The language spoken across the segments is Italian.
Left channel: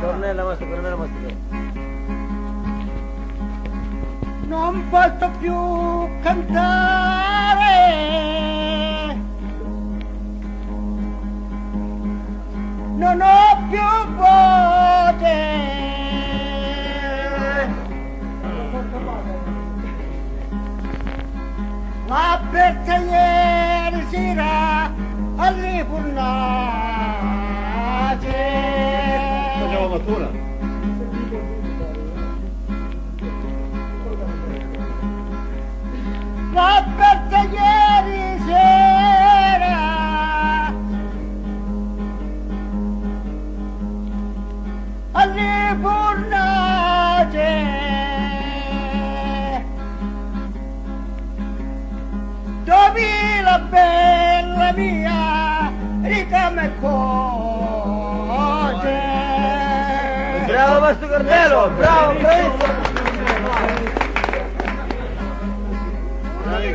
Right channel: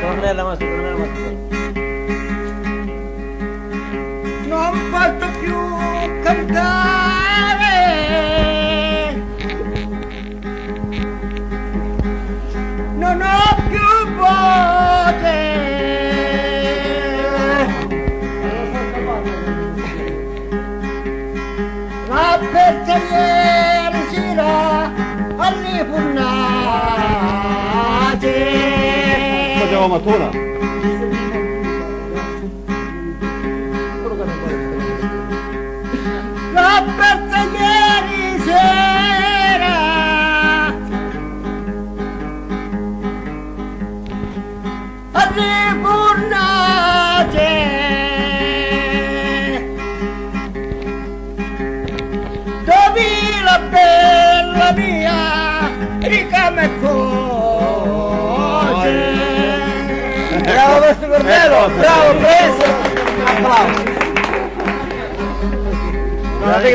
Tornella Mastro. Non posso più cantare, non ho più voce, la persa ieri sera alle fornace. Andiamo a Matona. L'ho persa ieri sera alle fornace, dove la bella mia ricama e cose. Bravo Mastro Cornello, bravo, preso! Bravo!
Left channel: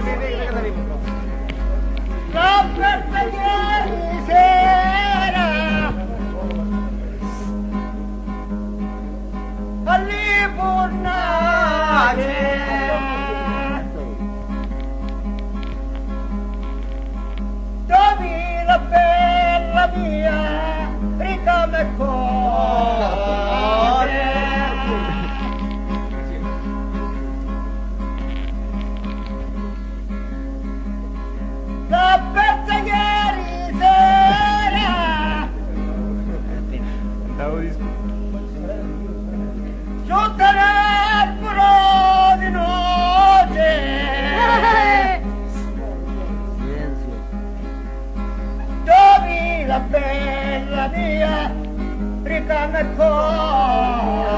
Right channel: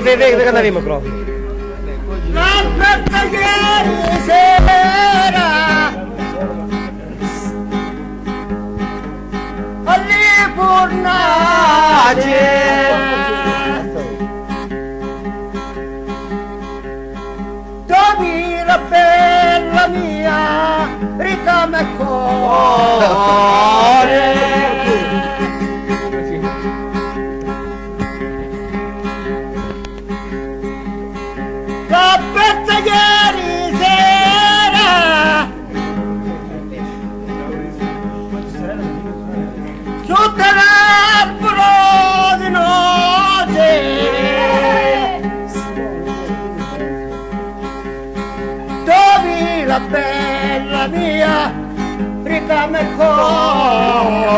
Vedi che il microfono. L'ho persa ieri sera alle fornace, dove la bella mia ricama e cuore. L'ho persa ieri sera sotto l'albero di noce, dove la bella mia ricama e cose.